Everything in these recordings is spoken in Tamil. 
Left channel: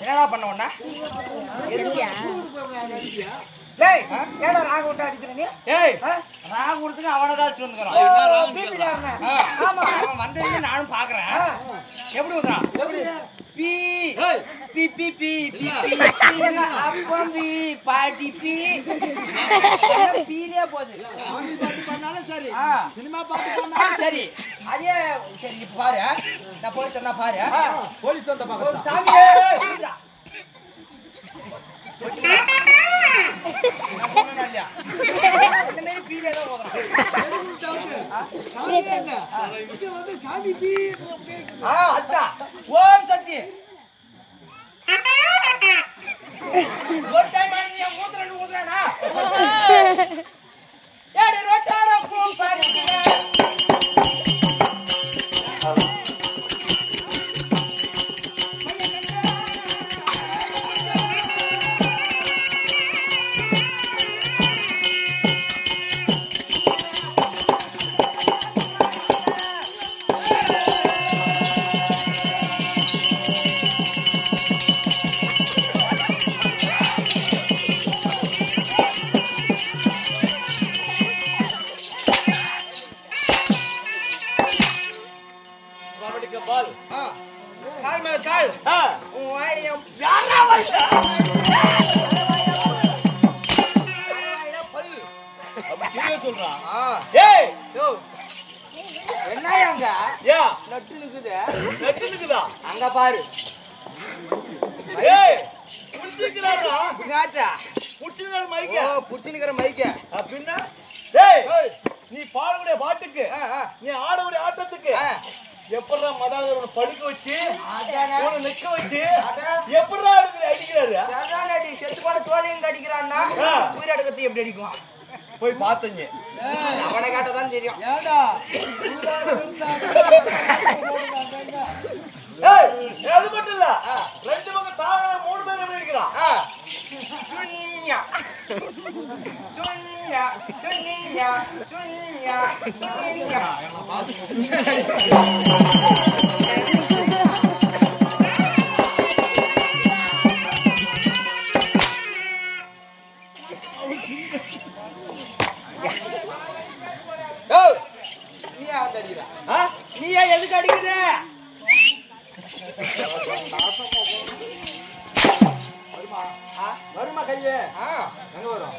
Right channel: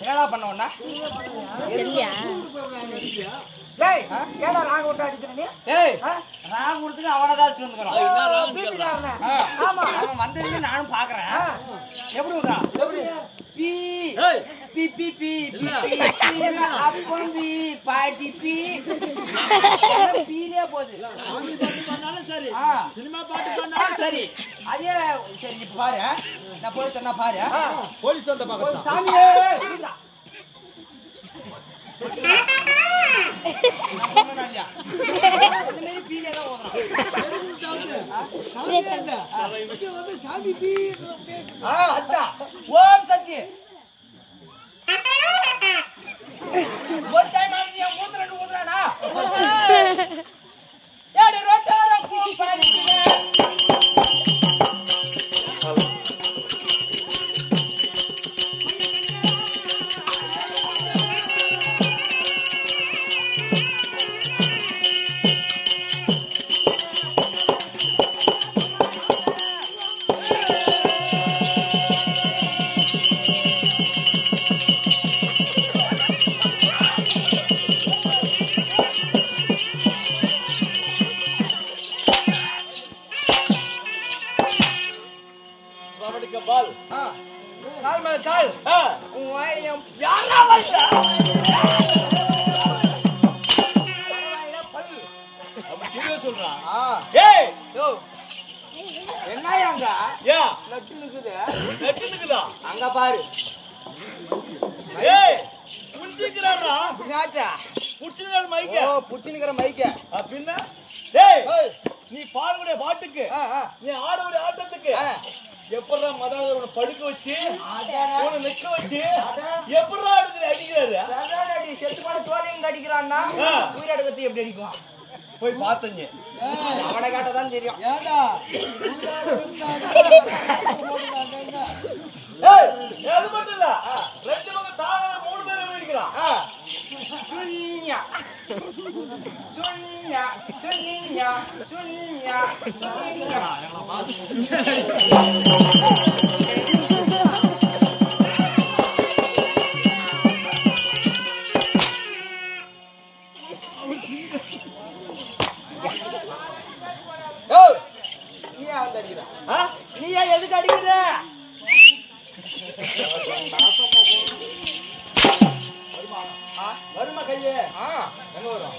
என்னடா பண்ண உடனே டேய் ஏடா ராக விட்டு அடிக்கிற நீ? ஏய் ராகு கொடுத்துட்டு அவனதான் அடிச்சு வந்துக்கிறான். ஆமா அவன் வந்ததுக்கு நானும் பாக்குறேன். எப்படி வந்தான்? எப்படி பி பி பி பி அப்பம் பி பாட்டி பி பீரே போகுது. சாமி பாட்டு பண்ணாலும் சரி, சினிமா பாட்டு பண்ணாலும் சரி அதே சரி இப்ப பாரு நான் போய் சொன்னா பாரு போலீஸ் வந்த பாக்க சாமியே ஓம் சக்தி ஊத்துறானா அங்க பாரு புடிச்சுக்கிற மைக்க அப்படின்னா டேய் நீ பாடக்கூடிய பாட்டுக்கு நீ ஆடக்கூடிய ஆட்டத்துக்கு எப்படா மதாதவனை படுக்க வச்சு உன்னை நிக்க வச்சு எப்படா அடிக்கிறாரு அடி செத்து போன தோலையும் அடிக்கிறான்னா உயிரடக்கத்தை எப்படி அடிக்கும் போய் பாத்தீங்க அவனை காட்டதான் தெரியும் அது மட்டும் இல்ல ரெண்டு பக்கம் தாகர 3 பேரை அடிக்கிறான் சுன்யா சுன்யா சுன்யா சுன்யா சுன்யா நீயா வந்து அடிக்கிற நீயா எதுக்கு அடிக்கிற வருமா கையே எங்க வரும்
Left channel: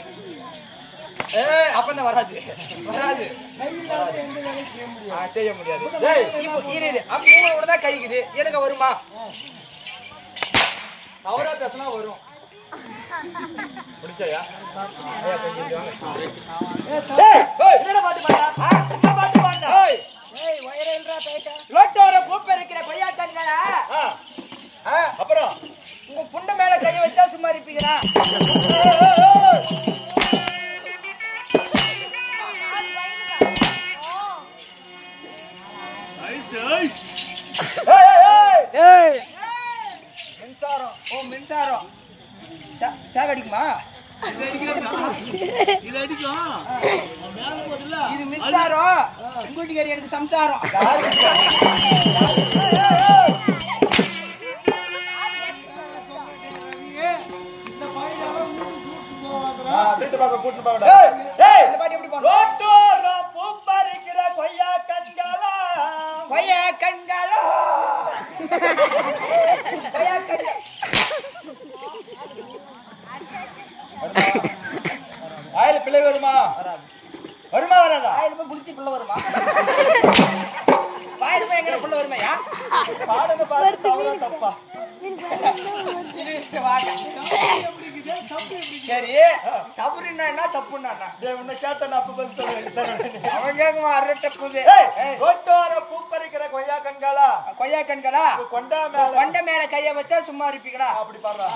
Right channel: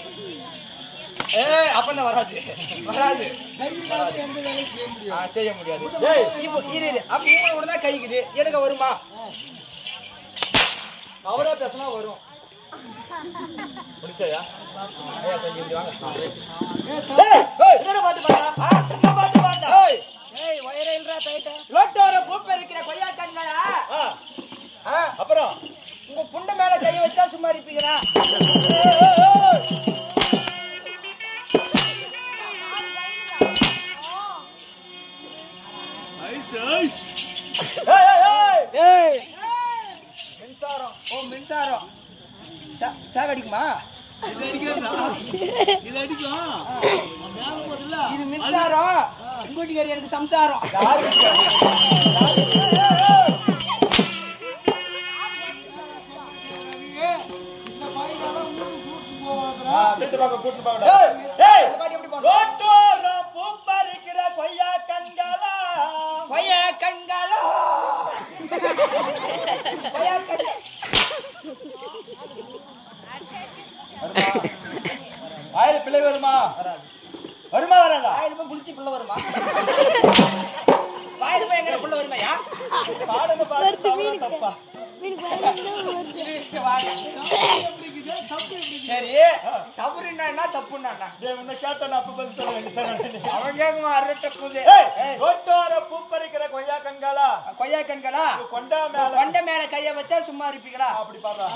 அப்பதான் வராது செய்ய முடியாது இப்போ அப்ப தான் கைக்குது எனக்கு வருமா அவரா பேசினா வரும் முடிச்சாயா ஐயா கொஞ்சம் இப்படி வாங்க என்ன பாட்டு பாண்டா லோட்டோர பூப்ப இருக்கிற கொய்யா கண்களா அப்புறம் உங்க புண்ட மேல கைய வச்சா சும்மா இருப்பீங்களா மின்சாரம் மின்சாரம் சாக அடிக்குமா இது அடிக்கும் இது மின்சாரம் உங்கூட்டிக்காரி எனக்கு சம்சாரம் பிள்ளை வருமா வருமா வராதா புளிச்சி பிள்ளை வருமா வாயிலுமே எங்க பிள்ளை வருமையா பாடுங்க பாடு தப்பா சரி தப்புன்னா என்ன தப்புன்னா கேட்ட அப்ப பதில் அவன் கேக்குமா அரட்ட புது பூப்பறிக்கிற கொய்யா கண்களா கொண்ட மேல கைய வச்சா சும்மா இருப்பீங்களா அப்படி பாடுறா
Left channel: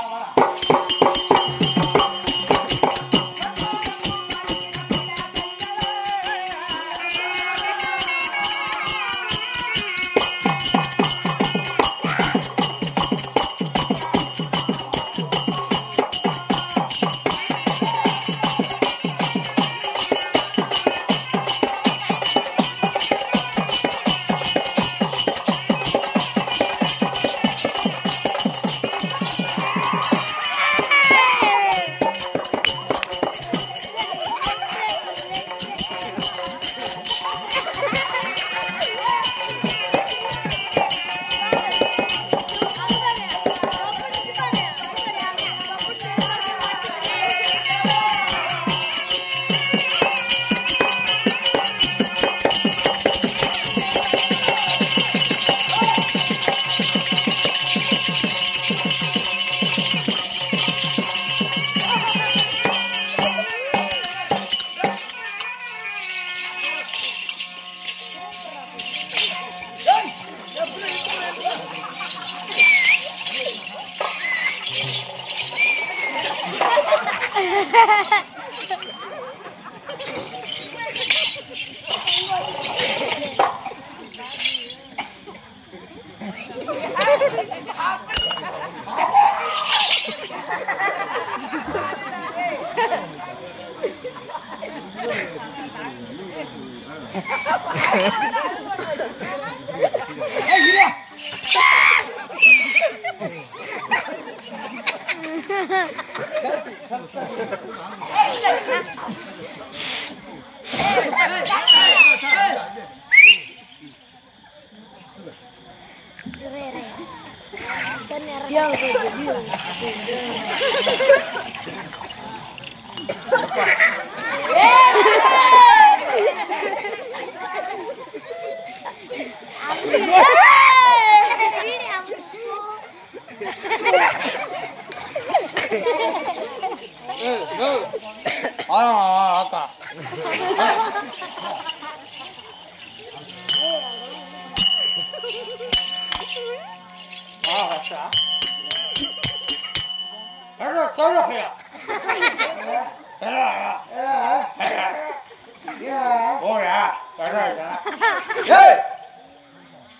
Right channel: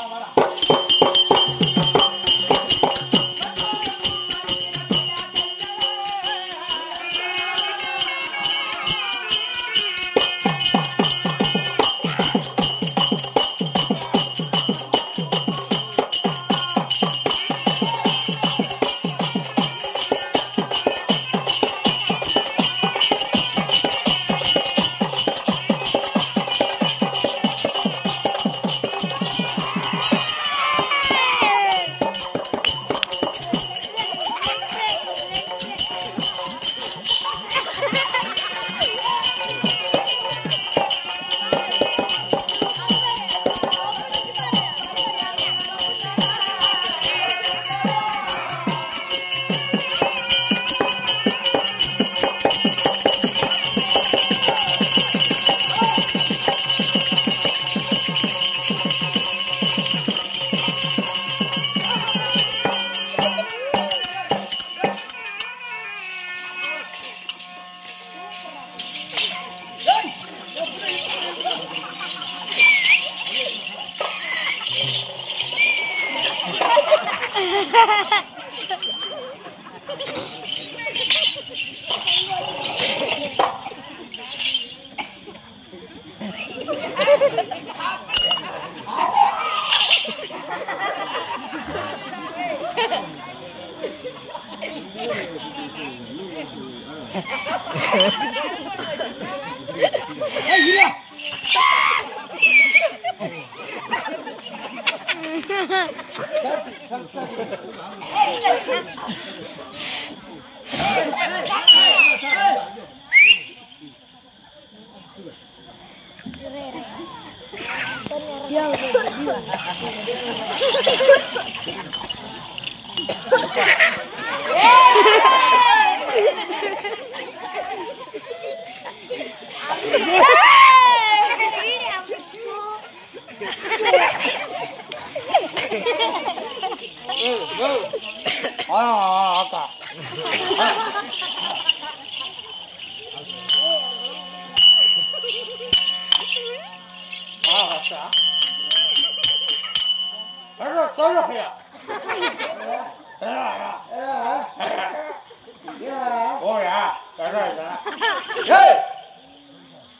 அக்கா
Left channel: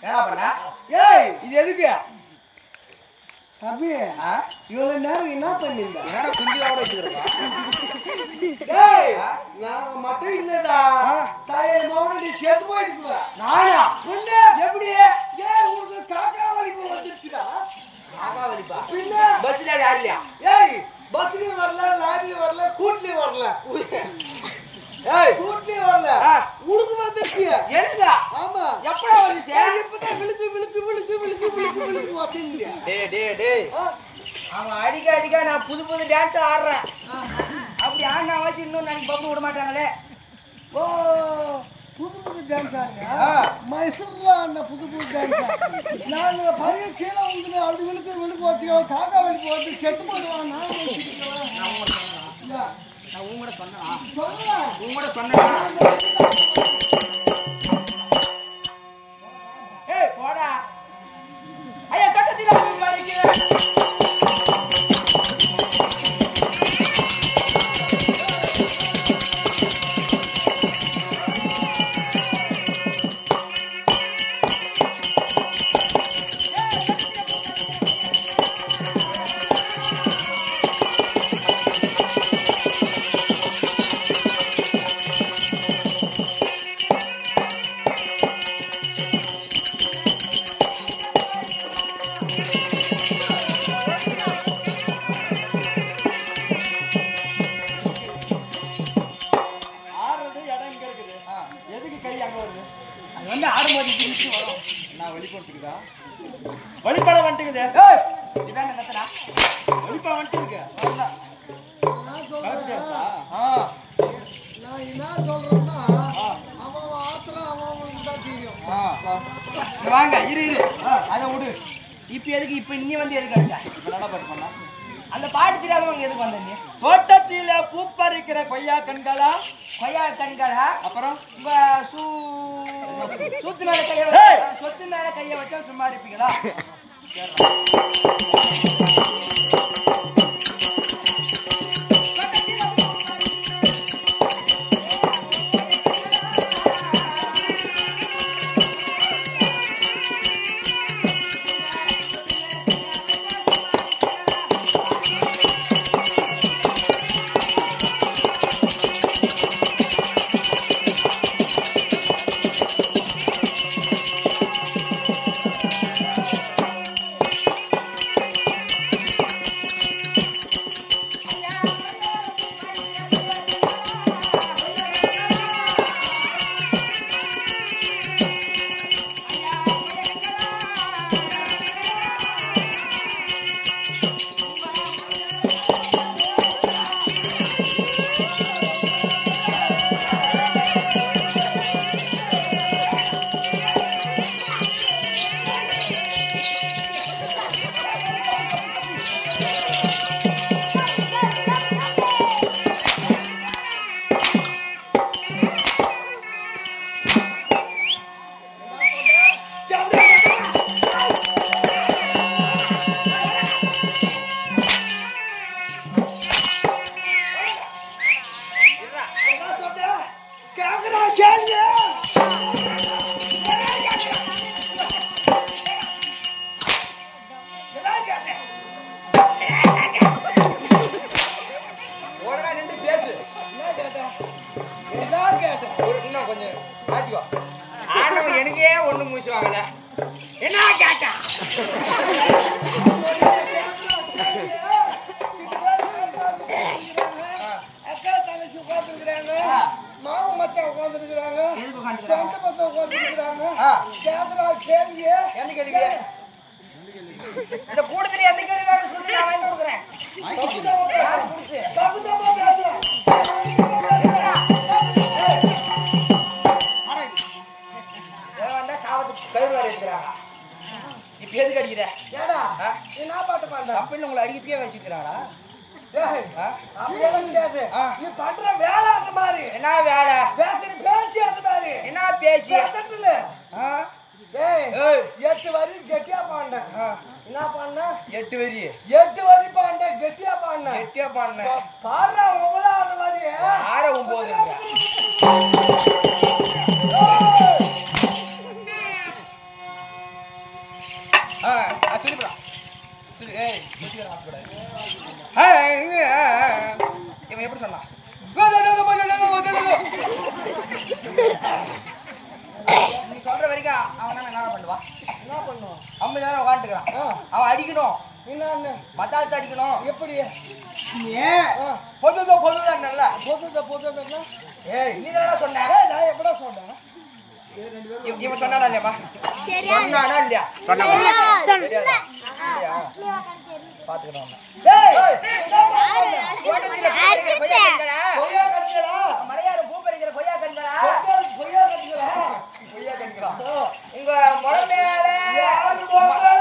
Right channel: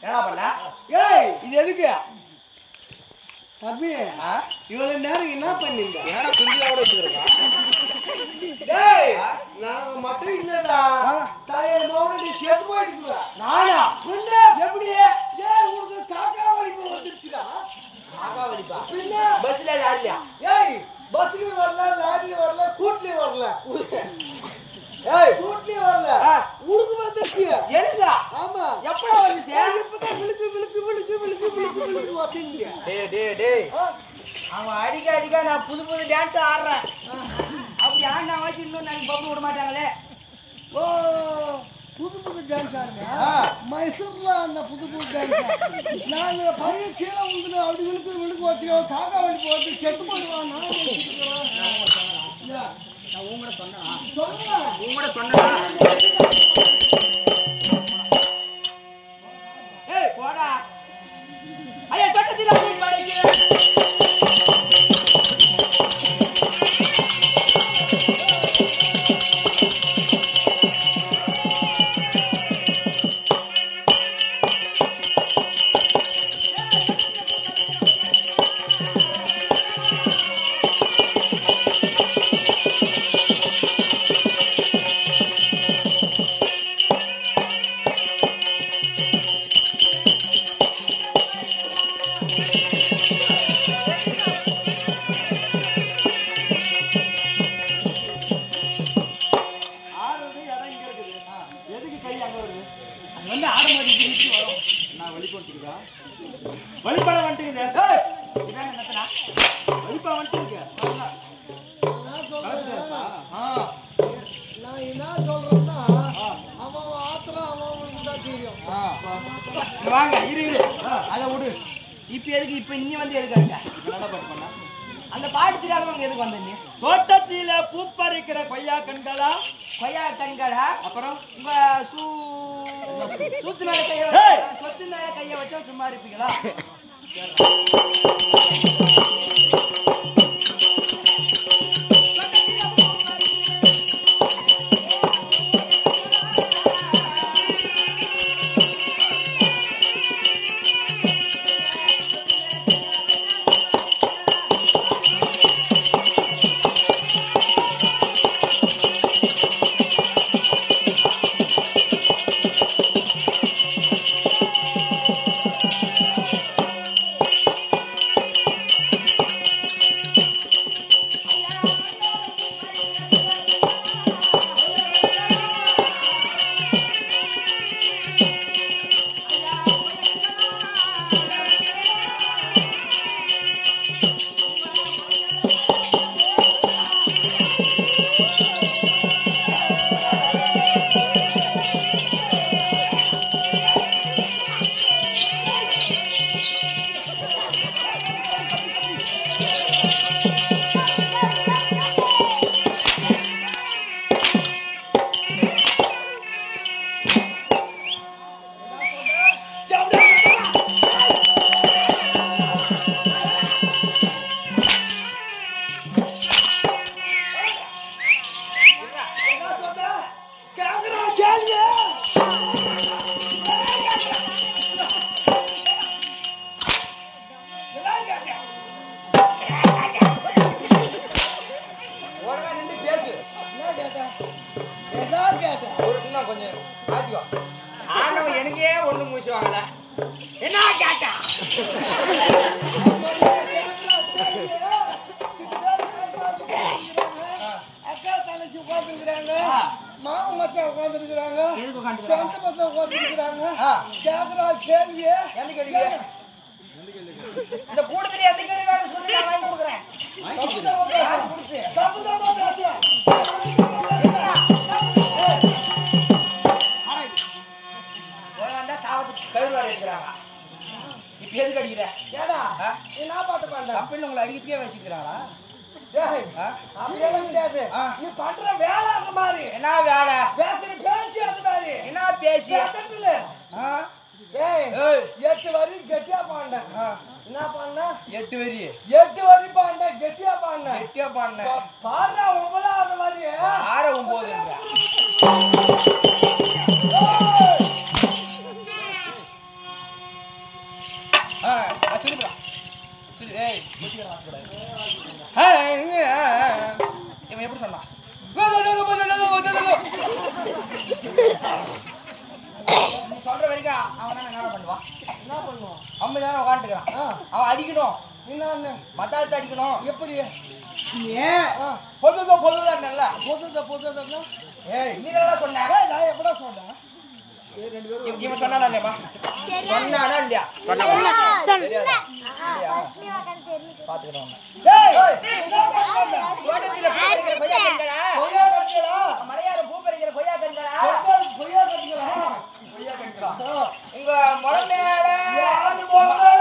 என்ன பண்ண இது எதுக்கு தம்பி இவ்வளவு நேரம் என்ன பண்ணீங்க? என்னடா குஞ்சியோட வச்சுக்கிறா நாங்க மட்டும் இல்லடா தாயை மௌனடி செத்து போயிடுக்குவா நானா பின்ன எப்படி உனக்கு காக்கா வலிப்பு வந்துருச்சுடா. காக்கா வலிப்பா பின்ன பஸ்ல யாரு இல்லையா பஸ்லயும் வரல, லாரியும் வரல, கூட்லயும் வரல, கூட்லயும் வரல, உனக்கு வந்துருச்சு. எனக்கு ஆமா எப்படா வந்துச்சு இப்பதான் விழுக்கு விழுக்கு விழுக்கு விழுக்கு விழுக்கு விழுக்கு வந்தீங்க. டேய் அவன் அடிக்க நான் புது புது டான்ஸ் ஆடுறேன். அப்படி ஆடின அவசியம் இன்னும் நாளைக்கு பப்பு விட மாட்டாங்களே. ஓ புது புது டான்ஸ் ஆடுங்க. மைசூர்ல அந்த புது புது டான்ஸ் நாங்க பையன் கீழே வந்து அப்படி விழுக்கு விழுக்கு வச்சுக்கோ காக்கா வலி போட்டு செத்து போடுவான். நான் உங்கூட சொன்னா சொல்லுவேன் உங்கூட சொன்னேன். ஏய் போடா ஐயா கட்டத்தில போய் பாடிக்கிறேன். வழிபாட வந்துட்டுக்குது. இதாங்க நத்தனா வழிபா வந்துட்டு நான் என்ன சொல்றேன்னா அவன் ஆத்திரம் அவன் தான் தெரியும். வாங்க இரு அதை விடு. இப்ப எதுக்கு இப்ப இன்னி வந்து எதுக்கு ஆச்சா பண்ணா அந்த பாட்டு தெரியாதவங்க எதுக்கு வந்த நீ? தோட்டத்தில பூ பறிக்கிற கொய்யா கண்களா கொய்யா கண்களா அப்புறம் சொத்து மேல கைய வச்சா சொத்து மேல கைய வச்சா சும்மா இருப்பீங்களா? ஒண்ணு மூச்சு வாங்கல. என்ன கேட்டா? அக்கா தங்கச்சி உட்காந்துருக்குறாங்க, மாமா மச்சான் உட்காந்துருக்குறாங்க, எதுக்கு உட்காந்துருக்காங்க? சொந்த பத்தம் உட்காந்துருக்குறாங்க. ஆ. கேக்குறா கேள்வி. எந்த கேள்வி? இந்த கூட்டத்துல எந்த கேள்வி வேணும் சொல்லி நான் வாங்கி கொடுக்குறேன். யாரு கொடுத்து? தப்புதமா பேசுறேன். இவன் வந்தா சாவத்துக்கு கயிறு வர இருக்கிறாங்க. இப்ப எதுக்கு அடிக்கிற? ஏடா ஆ? நீ என்ன பாட்டு பாண்ட? அப்படின்னு உங்களை அடிக்கிறதுக்கே வச்சுக்கிறாங்களா? ஏய், ஆ? அப்படியெல்லாம் கிடையாது. ஆ. நீ பண்ற வேலை அந்த மாதிரி, என்ன வேலை? பேசுற பேச்சு அந்த மாதிரி. என்ன பேசி? பேசட்டுல. ஆ? ஏய், ஏய். 8 வரி கெட்டியா பாண்ட. ஆ. என்ன பாண்ட? 8 வரி 8 வரி பாண்ட, கெட்டியா பாண்ட. கெட்டியா பாடின. பாடுற 9வது வரி. ஆற 9 சொல்லிப்பா சொல்லி. ஏய் இவன் எப்படி சொன்னான்? நீ சொல்ற வரைக்கும் அவன் என்ன பண்ணுவான்? என்ன பண்ணுவான்? 50 நேரம் உட்காந்துக்கிறான். ஆ. அவன் அடிக்கணும், என்னன்னு? மத்தாளத்தை அடிக்கணும். எப்படி? ஏன் ஆ. பொதுதான் நல்ல. பொதுதா ஏய் நீ தானே சொன்ன? ஏய், நான் எப்படா சொன்னேன்? இவன் சொன்னானா இல்லையாப்பா? சொன்னானா இல்லையா? தெரியாதா? இல்லையா? பாத்துக்கிறோம். ஏய், தோட்டத்துல பூ பறிக்கிற கொய்யா கண்களா? கொய்யா கட்டிங்களா? மலையாள பூ பறிக்கிற கொய்யா கண்களா? கொய்யா கட்டிங்களா? கொய்யா கண்களா? ஆ. உங்க முளை மேல யாரு போறா?